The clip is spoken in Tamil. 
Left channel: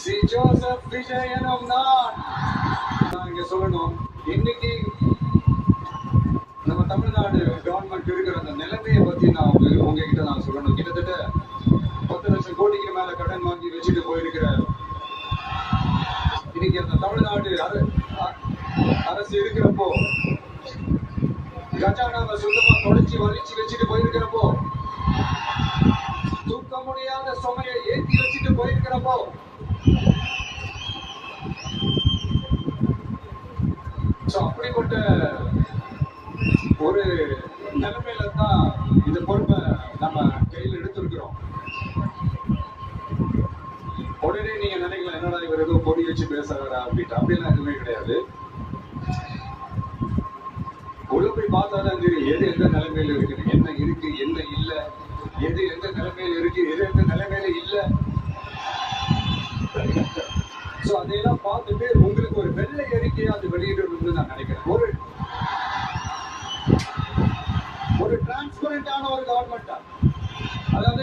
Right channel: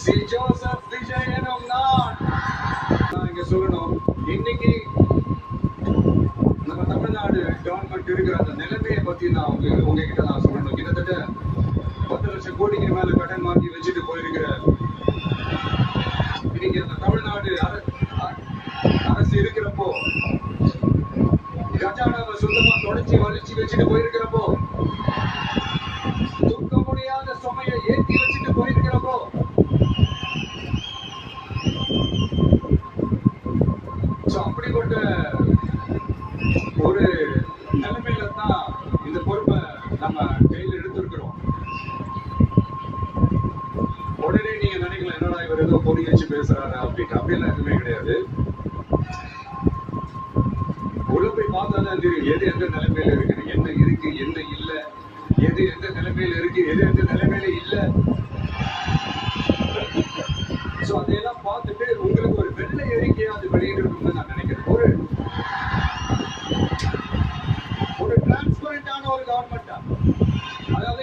சி ஜோசப் விஜயனும் நான் இங்க சொல்லணும். இன்னைக்கு நம்ம தமிழ்நாடு கவர்மெண்ட் இருக்கிற அந்த நிலைமையை பத்தி நான் உங்ககிட்ட நான் சொல்லணும். கிட்டத்தட்ட 10 லட்சம் கோடிக்கு மேல கடன் வாங்கி வச்சுட்டு போயிருக்கிற இன்னைக்கு அந்த தமிழ்நாடு அரசு இருக்கிறப்போ, கஜானாவை சுத்தமா தொடச்சி வலிச்சு வச்சுட்டு போயிருக்கிறப்போ, தூக்க முடியாத சுமையை ஏற்றி வச்சுட்டு போயிருக்கிறப்போ, அப்படிப்பட்ட ஒரு நிலைமையில தான் இந்த பொறுப்பை நம்ம கையில் எடுத்திருக்கிறோம். உடனே நீங்க நினைக்கலாம், என்னடா இவர் ஏதோ பொடி வச்சு பேசுறாரா அப்படின்ட்டு. அப்படிலாம் எதுவுமே கிடையாது. உள்ள போய் பார்த்தாதான் தெரியும் எது எந்த நிலைமையில இருக்கு, என்ன இருக்கு என்ன இல்ல, எது எந்த நிலைமையில இருக்கு எது எந்த நிலைமையில இல்ல. அதையெல்லாம் பார்த்துட்டு உங்களுக்கு ஒரு வெள்ளை அறிக்கையை அது வெளியிடணும்னு நான் நினைக்கிறேன். ஒரு டிரான்ஸ்பரண்டான ஒரு கவர்மெண்டா, அதாவது